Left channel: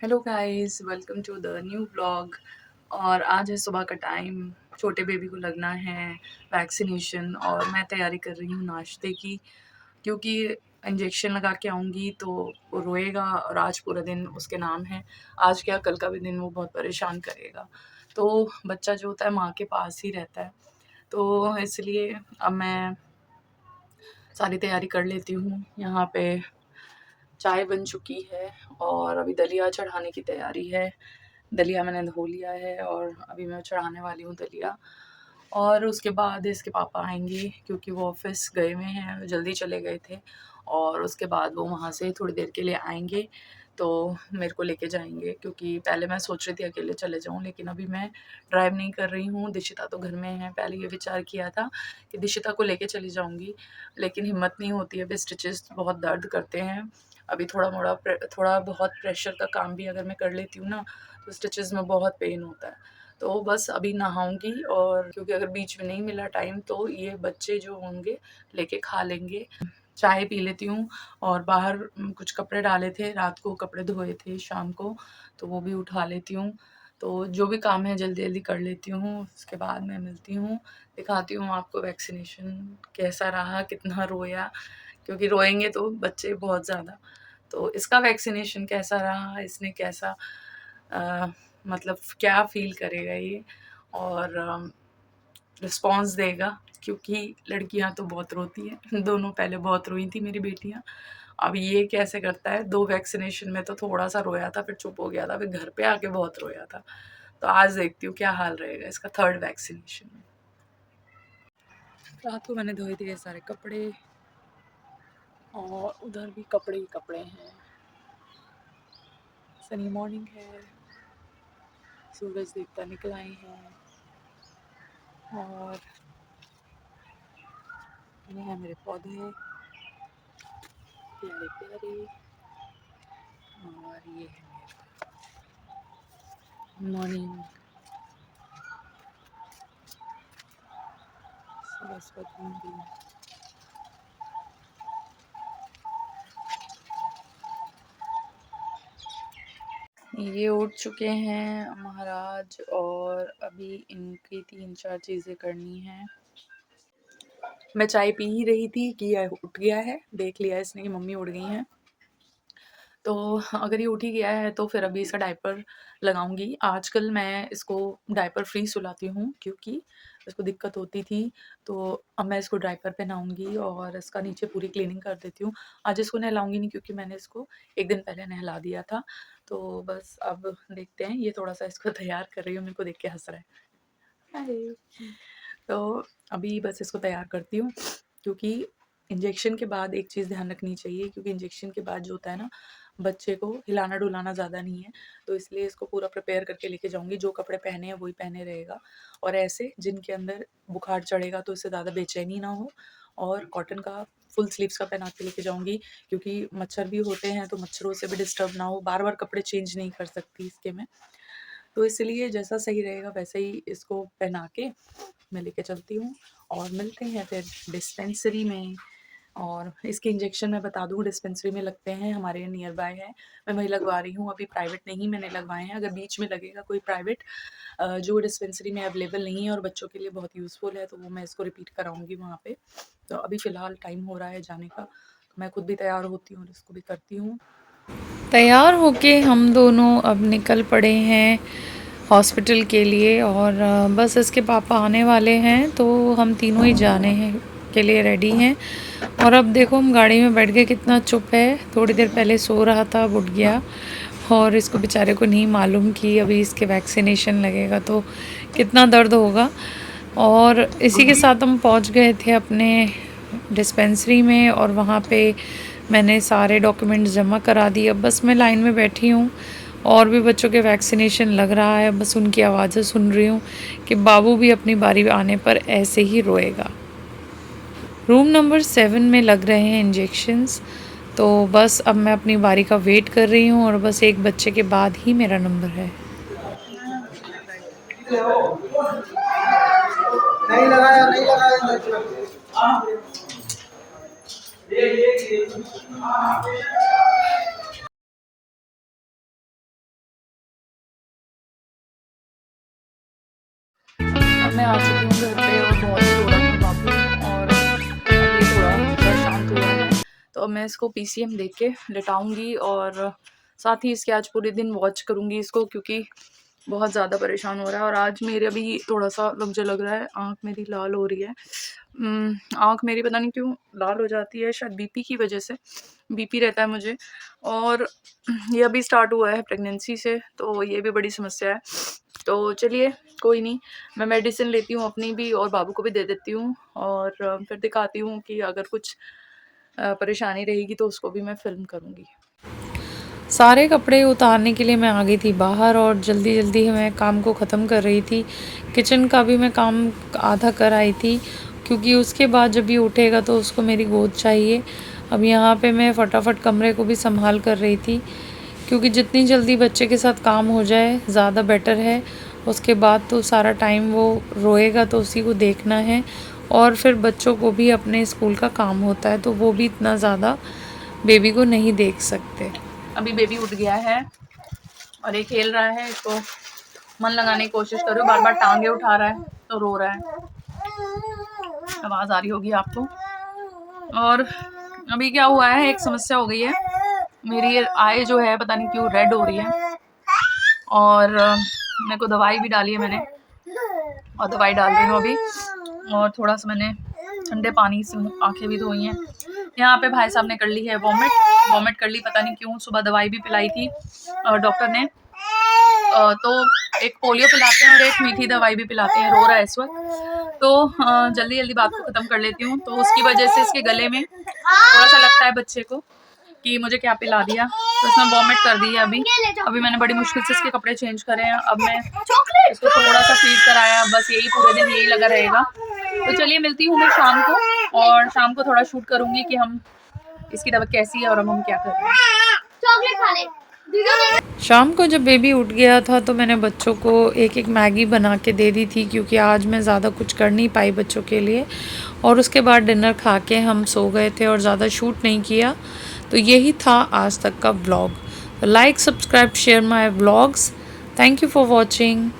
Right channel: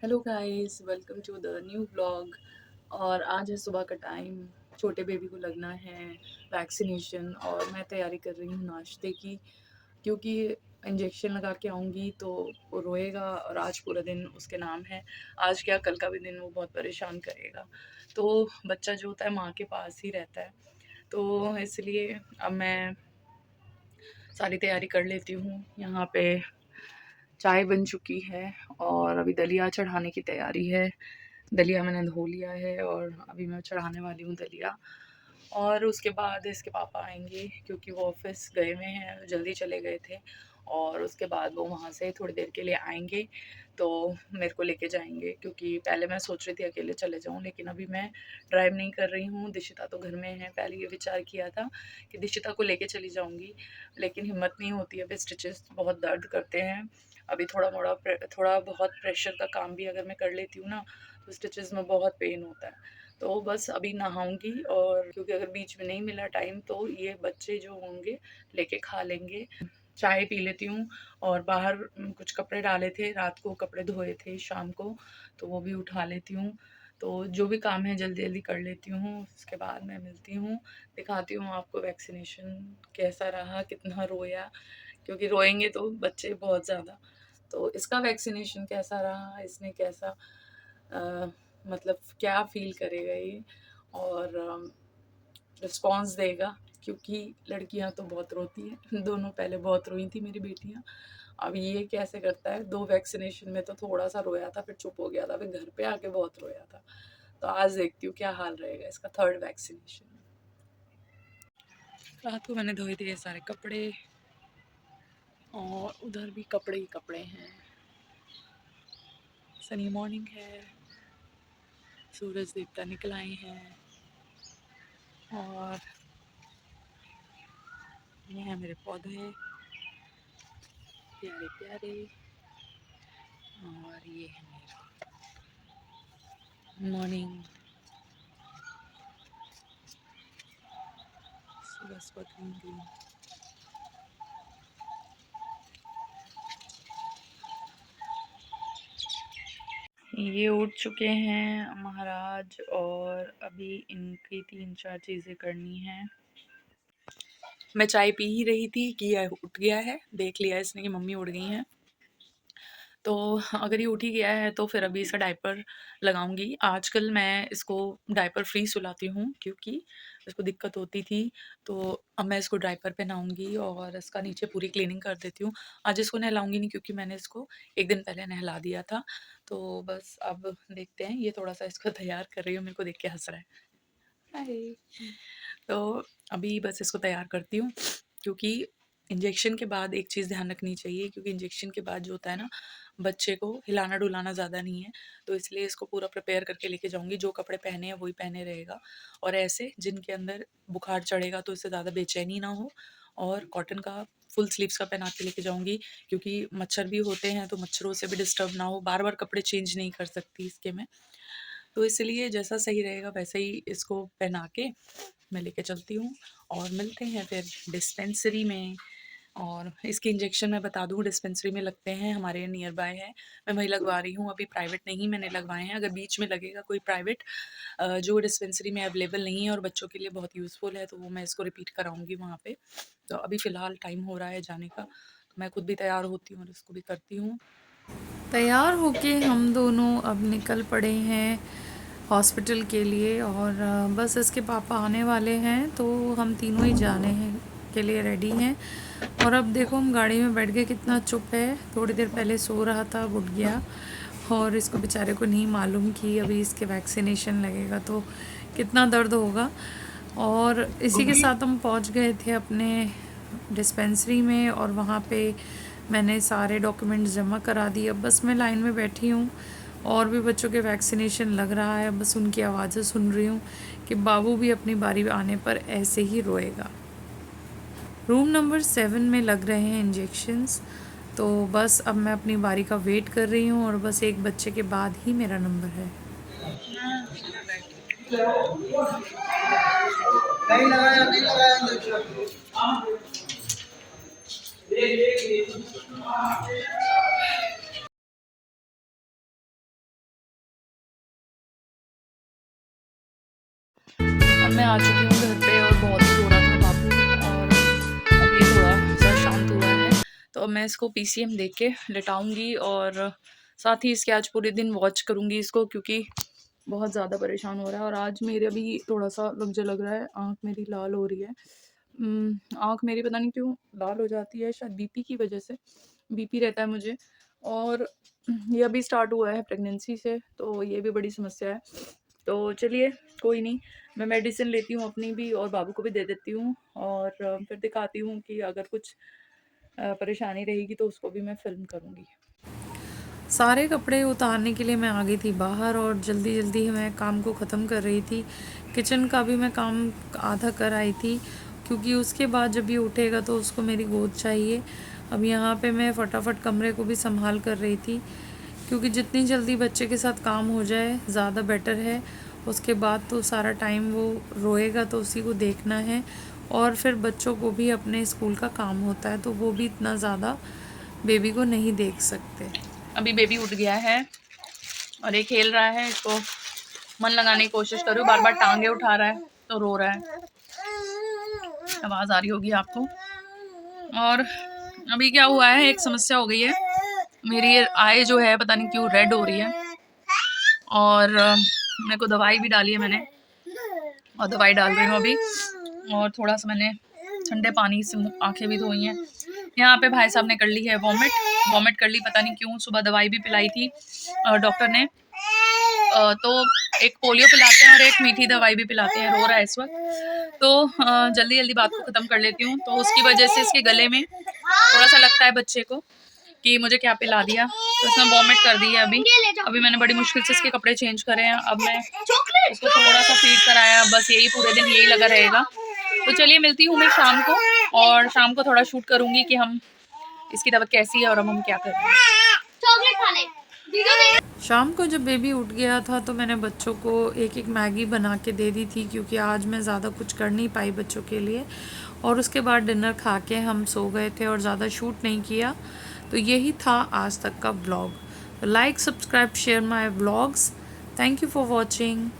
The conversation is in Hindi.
Hello guys, welcome to the new vlog. और आज है सुबह का टाइम, छोटे बेबी को लगना है वैक्सीनेशन और मैं तैयारी कर रही हूँ नाश्ते की, क्योंकि इंजेक्शन लगा के आऊँगी तो वो रोएगा और आज पूरा दिन उसके नाम है। आज क्या, कल का भी दिन वो बहुत परेशान करेगा। तो बच्चा जो होता है माँ के पास ही रहता है, तो इसलिए अब मैं सारी तैयारी कर लेती हूँ। यहाँ पे चाय बन चुकी है और अभी दलिया चढ़ाने की तैयारी है। दलिया मैंने धो लिया है और अभी मैं चढ़ाने वाली हूँ दलिया। और उसके बाद इसके पापा आएंगे, क्योंकि वो ऑफिस गए हुए हैं, जल्दी चले गए थे। और उसके बाद वो वहाँ से थोड़ी देर के लिए आएंगे तो मेरे को लेके जाएंगे, क्योंकि पहले मैं सोच रही थी अकेले चले जाऊँ, लेकिन अभी मैं ड्राइव नहीं कर रही हूँ। दिशिता तो घर में है। पहले ये विचार किया था कि दिशिता को लेके चली जाऊँगी, लेकिन हिम्मत नहीं होती है। अभी स्टिचेस बहुत दर्द करते हैं। अभी थोड़ा बहुत प्रेशर का काम भी अगर मैं कर लेती हूँ ना, तो स्टिचेस में बहुत पेन होता है। तो बस अभी नहाऊंगी, और क्योंकि अगर बीच में नहीं मिला टाइम तो ये बच्चे जो होंगे लेके खा लेंगे। चाय पी लेती हूँ। और बाहर कुछ कपड़े डाले थे, रात को कपड़े धोए थे शाम को, तो वो भी उठा लेती हूँ। तो जो भी काम है जल्दी जल्दी कर लेती हूँ, उसके बाद मैं मिलती हूँ, दिखाती हूँ आपको वैक्सीनेशन कैसा रहा, कितना रोया, क्योंकि रोएंगे तो बच्चे बहुत ज़्यादा। तो इसका वैक्सीनेशन कैसा रहा, इसने कैसा अ, मतलब क्या फ़ील करेगा ये, और रिस्पॉन्स देगा, क्योंकि लड़कियां तो बहुत रोती हैं। दोनों पहले बहुत रोई थी मेरी बेटियां। अब ये कैसे करता है, 2 वैक्सीनेशन में तो थोड़ा सा रोया था, फिर चुप हो गया था, फिर घर पे आके बहुत रोया था। तो आज देखती हूँ क्या हाल रहेगा इसका 3rd वैक्सीनेशन में। रात को मैंने धोए थे ये सारे कपड़े, और उधर भी कपड़े ही कपड़े हैं। सनी मॉर्निंग है, सूरज देवता निकल आए हैं, और ये हैं मेरे पौधे प्यारे प्यारे, और ये है मेरा मॉर्निंग सुबह ग्रीन। ये उठ चुके हैं महाराज, और अभी इनकी 3-4 चीज़ें करनी हैं। मैं चाय पी ही रही थी कि यह उठ गया है, देख लिया इसने कि मम्मी उठ गई हैं। तो अगर ये उठ ही गया है तो फिर अभी इसका डायपर लगाऊंगी। आजकल मैं इसको डायपर फ्री सुलाती हूँ, क्योंकि इसको दिक्कत होती थी। तो अब मैं इसको डायपर पहनाऊंगी और इसका नीचे पूरी क्लीनिंग कर देती हूँ। आज इसको नहलाऊंगी नहीं, क्योंकि मैंने इसको एक दिन पहले नहला दिया था। तो बस अब देखते हैं, ये थोड़ा सा इसको तैयार कर रही हूँ, मेरे को देख के हंस रहा है। हाय। तो अभी बस इसको तैयार करती हूँ, क्योंकि इंजेक्शन के बाद एक चीज़ ध्यान रखनी चाहिए, क्योंकि इंजेक्शन के बाद जो होता है ना, बच्चे को हिलाना डुलाना ज़्यादा नहीं है। तो इसलिए इसको पूरा प्रिपेयर करके लेके जाऊँगी, जो कपड़े पहने हैं वही पहने रहेगा, और ऐसे जिनके अंदर बुखार चढ़ेगा तो इससे ज़्यादा बेचैनी ना हो। और कॉटन का फुल स्लीव्स का पहना के लेके जाऊँगी, क्योंकि मच्छर भी होते हैं, तो मच्छरों से भी डिस्टर्ब ना हो। बार-बार कपड़े चेंज नहीं कर सकती इसके मैं। तो इसलिए जैसा सही रहेगा वैसे ही इसको पहना के मैं लेके चलती हूँ, और मिलते हैं फिर डिस्पेंसरी में। और इसके इंजेक्शन मैं बता दूँ, डिस्पेंसरी में लगते हैं, हमारे नियर बाय है। मैं वहीं लगवा रही हूँ, अभी प्राइवेट नहीं मैंने लगवाए हैं। अगर बीच में लगेगा कोई प्राइवेट जो डिस्पेंसरी में अवेलेबल नहीं है और बच्चों के लिए बहुत यूज़फुल है, तो वो मैं इसको रिपीट कराऊँगी वहाँ पे। तो अभी फ़िलहाल टाइम हो रहा है जाने का, तो मैं खुद भी तैयार होती हूँ और इसको भी करती हूँ। तैयार होके हम दोनों अब निकल पड़े हैं हॉस्पिटल के लिए, और बस इसके पापा आने वाले हैं तो हम तीनों ही जाने हैं के लिए रेडी हैं। और अब देखो हम गाड़ी में बैठ के, कितना चुप है। थोड़ी देर पहले सो रहा था, अब उठ गया, और इसको बेचारे को नहीं मालूम कि अभी इसके वैक्सीनेशन लगेगा तो कितना दर्द होगा। और इसी के साथ हम पहुंच गए थे अपने डिस्पेंसरी में, और वहाँ पे मैंने सारे डॉक्यूमेंट्स जमा करा दिए। अब बस मैं लाइन में बैठी हूँ, और भी बच्चों के वैक्सीनेशन लग रहा है, बस उनकी आवाज़ें सुन रही हूँ कि बाबू भी अपनी बारी आने पर ऐसे ही रोएगा। रूम नंबर 7 में लग रहे हैं इंजेक्शन्स। तो बस अब मैं अपनी बारी का वेट कर रही हूँ, और बस एक बच्चे के बाद ही मेरा नंबर है। मैं बैठी हूँ, नहीं लगाया इंजेक्शन। अब मैं आ चुकी हूँ घर पे और बहुत ही थोड़ा सा और अभी थोड़ा शांत हुआ है, तो अब मैं इसको पीसीएम देख के लेटाऊँगी और साथ ही इसके आज पूरे दिन वॉच करूँगी इसको, क्योंकि बहुत ज़्यादा परेशान हो रहा है। और आज मेरे अभी थोड़ा-सा मुझे लग रहा है आँख मेरी लाल हो रही है। आँख मेरी पता नहीं क्यों लाल हो जाती है, शायद बीपी की वज़ह से। बीपी रहता है मुझे और ये अभी स्टार्ट हुआ है प्रेगनेंसी से, तो ये भी बड़ी समस्या है। तो चलिए कोई नहीं, मैं मेडिसिन लेती हूँ अपनी भी और बाबू को भी दे देती हूँ और फिर दिखाती हूँ कि अगर कुछ परेशानी रहेगी तो उसको भी मैं फ़िल्म करूँगी। सारे कपड़े उतारने के लिए मैं आ गई थी बाहर और जल्दी-जल्दी मैं काम को ख़त्म कर रही थी। किचन का भी मैं काम आधा कर आई थी, क्योंकि उसके बाद जब ये उठेगा तो उसको मेरी गोद चाहिए। अब यहाँ पे मैं फटाफट कमरे को भी संभाल कर रही थी, क्योंकि जितनी जल्दी बच्चे के साथ काम हो जाए ज़्यादा बेटर है। उसके बाद तो सारा टाइम वो रोएगा तो उसी को देखना है, और फिर बच्चों को भी अपने स्कूल का काम होता है, तो वो भी इतना ज़्यादा बेबी को नहीं देख सकते। अभी बेबी उठ गया है और ये खेल रहा है, इसको मन लगाने की कोशिश कर रही हूँ, बार-बार टाँगे उठा रहा है तो रो रहा है। आवाज़ आ रही होगी आपको। और अभी क्या हुआ है, एक समस्या हो गई है, मेरी ये आई जो है पता नहीं क्यों रेड हो रही है और मेरे को दवाई भी डाली है मैंने और दवाई डाल रही हूँ अभी, और थोड़ा-सा मैंने ठंडे पानी से आँखें भी धोई हैं। यहाँ पे भाई साहब ने कर ली है वॉमिट कर ली, पता नहीं क्यों। सुबह दवाई भी पिलाई थी डॉक्टर ने, तो एक पोलियो पिलाते हैं और एक मीठी दवाई भी पिलाते हैं। रो रहा है इस वक़्त, तो जल्दी-जल्दी बात को ख़त्म कर लेती हूँ। तो उसकी वजह से इसके गले में थोड़ा-सा लगता है बच्चे को कि मुझे क्या पिला दिया, तो उसने वॉमिट कर दी है अभी। अभी मैंने बड़ी मुश्किल से इसके कपड़े चेंज करे हैं। अब मैं इसको थोड़ा-सा फ़ीड कराया, बस यही पूरे दिन यही लगा रहेगा। तो चलिए मिलती हूँ मैं शाम को, और शाम को थोड़ा शूट करूँगी कि हम इसकी तबीयत कैसी है और अब हम क्या कर रहे हैं। चॉकलेट खा ले। शाम को जब बेबी उठ गया था तो मैंने बच्चों को एक-एक मैगी बना के दे दी थी, क्योंकि आज मैं ज़्यादा कुछ कर नहीं पाई बच्चों के लिए, और उसके बाद डिनर खा के हम सो गए थे और ज़्यादा शूट नहीं किया। तो यही था आज तक का vlog. Like, subscribe, share my vlogs. Thank you for watching.